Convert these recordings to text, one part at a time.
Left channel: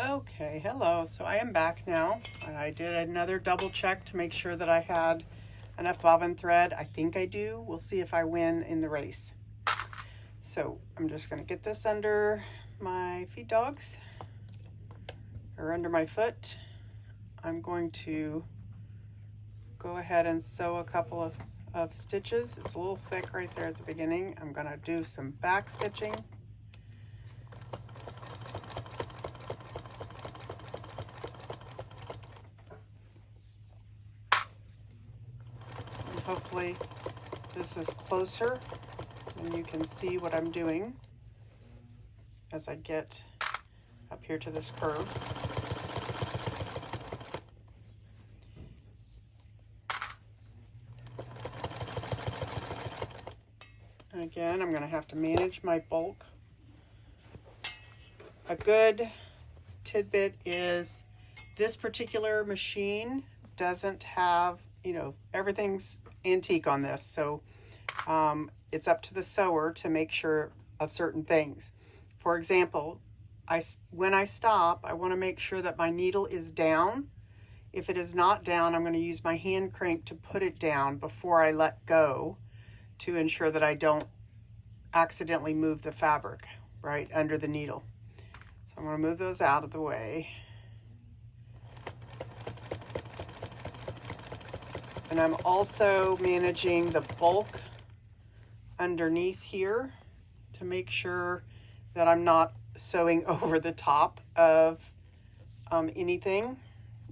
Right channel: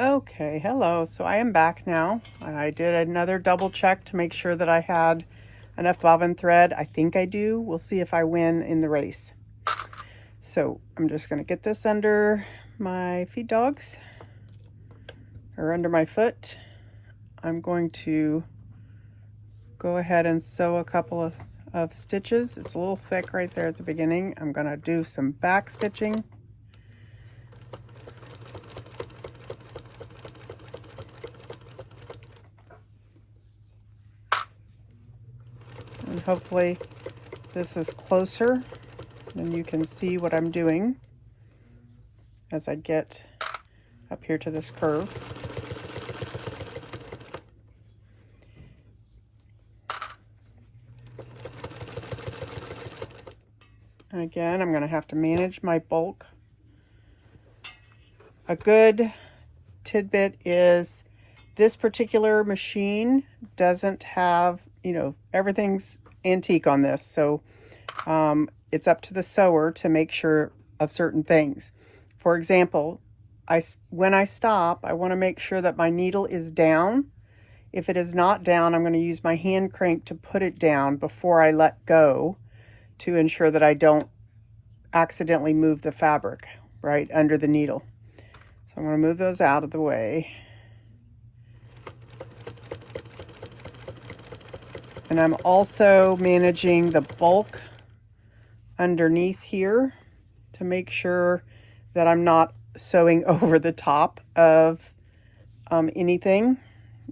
Okay, hello. So I am back now. I did another double check to make sure that I had enough bobbin thread. I think I do. We'll see if I win in the race. So I'm just going to get this under my feed dogs, or under my foot. I'm going to go ahead and sew a couple of stitches. It's a little thick right there at the beginning. I'm going to do some back stitching. And hopefully this is closer and you can see what I'm doing as I get up here to this curve. And again, I'm going to have to manage my bulk. A good tidbit is this particular machine doesn't have, everything's antique on this. So it's up to the sewer to make sure of certain things. For example, when I stop, I want to make sure that my needle is down. If it is not down, I'm going to use my hand crank to put it down before I let go, to ensure that I don't accidentally move the fabric right under the needle. So I'm going to move those out of the way. And I'm also managing the bulk underneath here to make sure that I'm not sewing over the top of anything.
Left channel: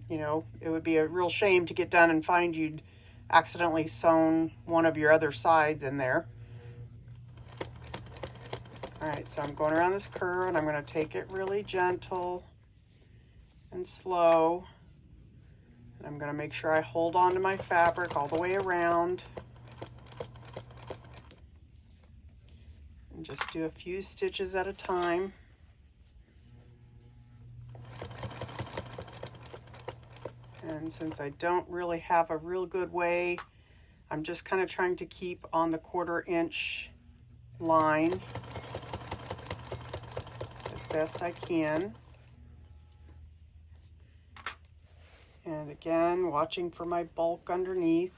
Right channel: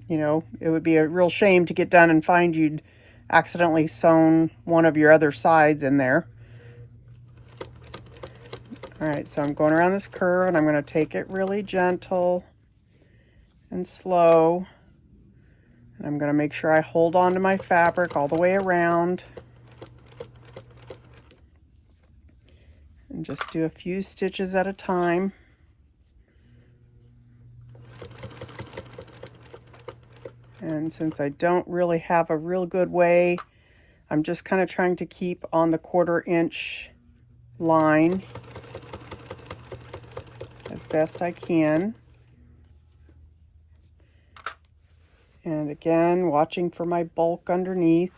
It would be a real shame to get done and find you'd accidentally sewn one of your other sides in there. All right, so I'm going around this curve and I'm going to take it really gentle and slow. And I'm going to make sure I hold on to my fabric all the way around. And just do a few stitches at a time. And since I don't really have a real good way, I'm just kind of trying to keep on the 1/4 inch line as best I can. And again, watching for my bulk underneath.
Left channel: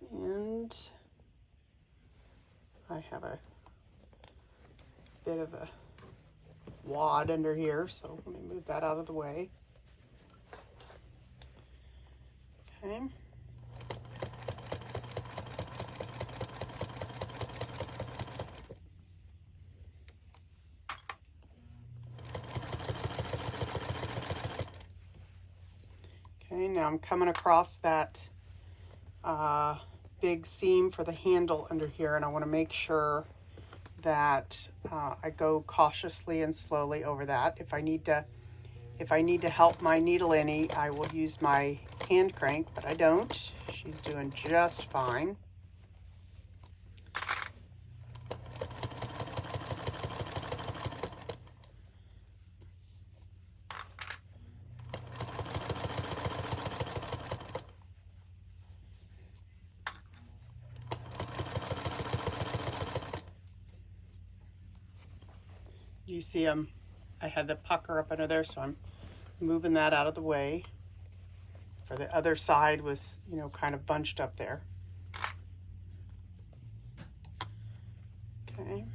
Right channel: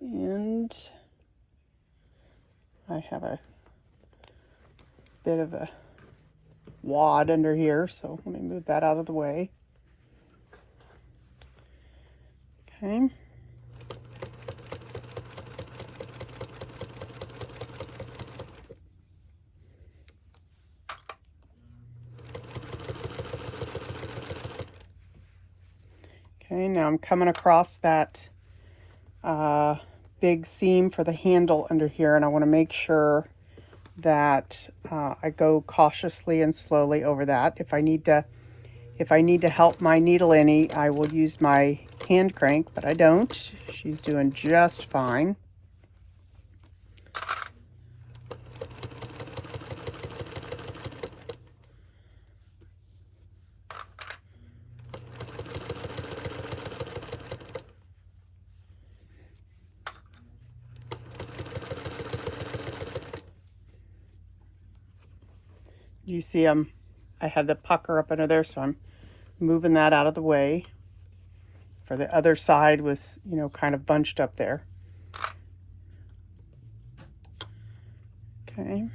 And I have a bit of a wad under here, so let me move that out of the way. Okay. Okay, now I'm coming across that big seam for the handle under here, and I want to make sure that I go cautiously and slowly over that. If I need to help my needle any, I will use my hand crank, but I don't. She's doing just fine. You see I had the pucker up under there, so I'm moving that out of the way. For the other side was, kind of bunched up there. Okay.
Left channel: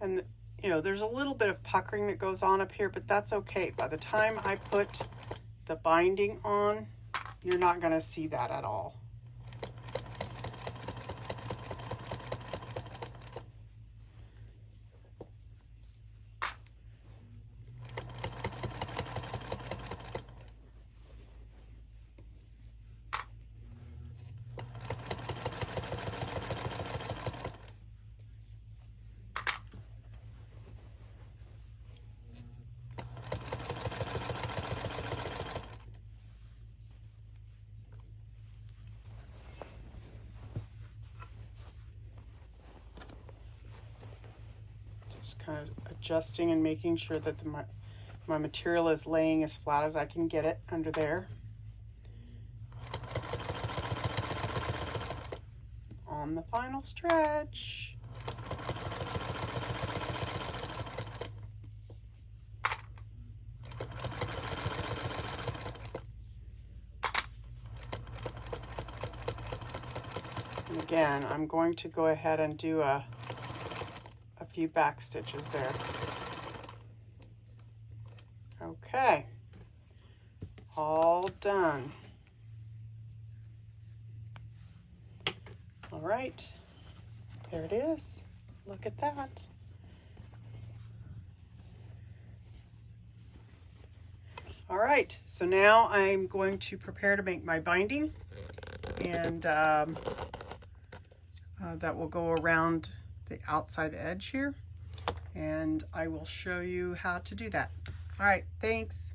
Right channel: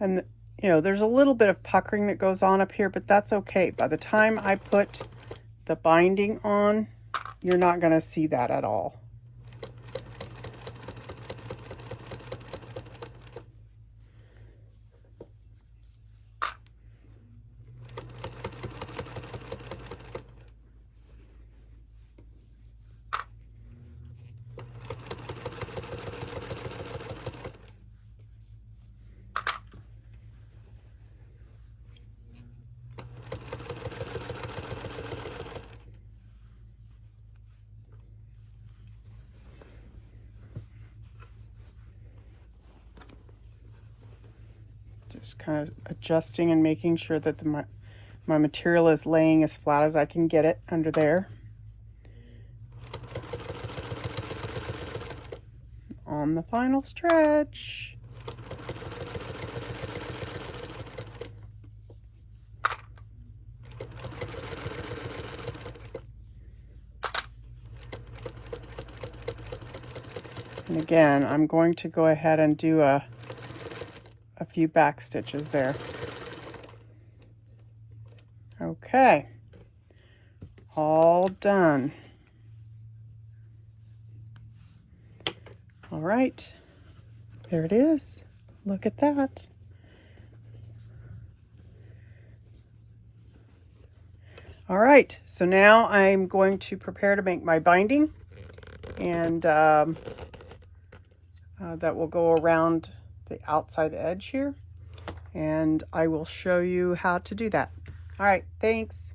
And there's a little bit of puckering that goes on up here, but that's okay. By the time I put the binding on, you're not going to see that at all. Just kind of adjusting and making sure that my material is laying as flat as I can get it under there. On the final stretch. And again, I'm going to go ahead and do a few back stitches there. Okay, all done. All right, there it is. Look at that. All right, so now I'm going to prepare to make my binding, and that will go around the outside edge here, and I will show you how to do that. All right, thanks.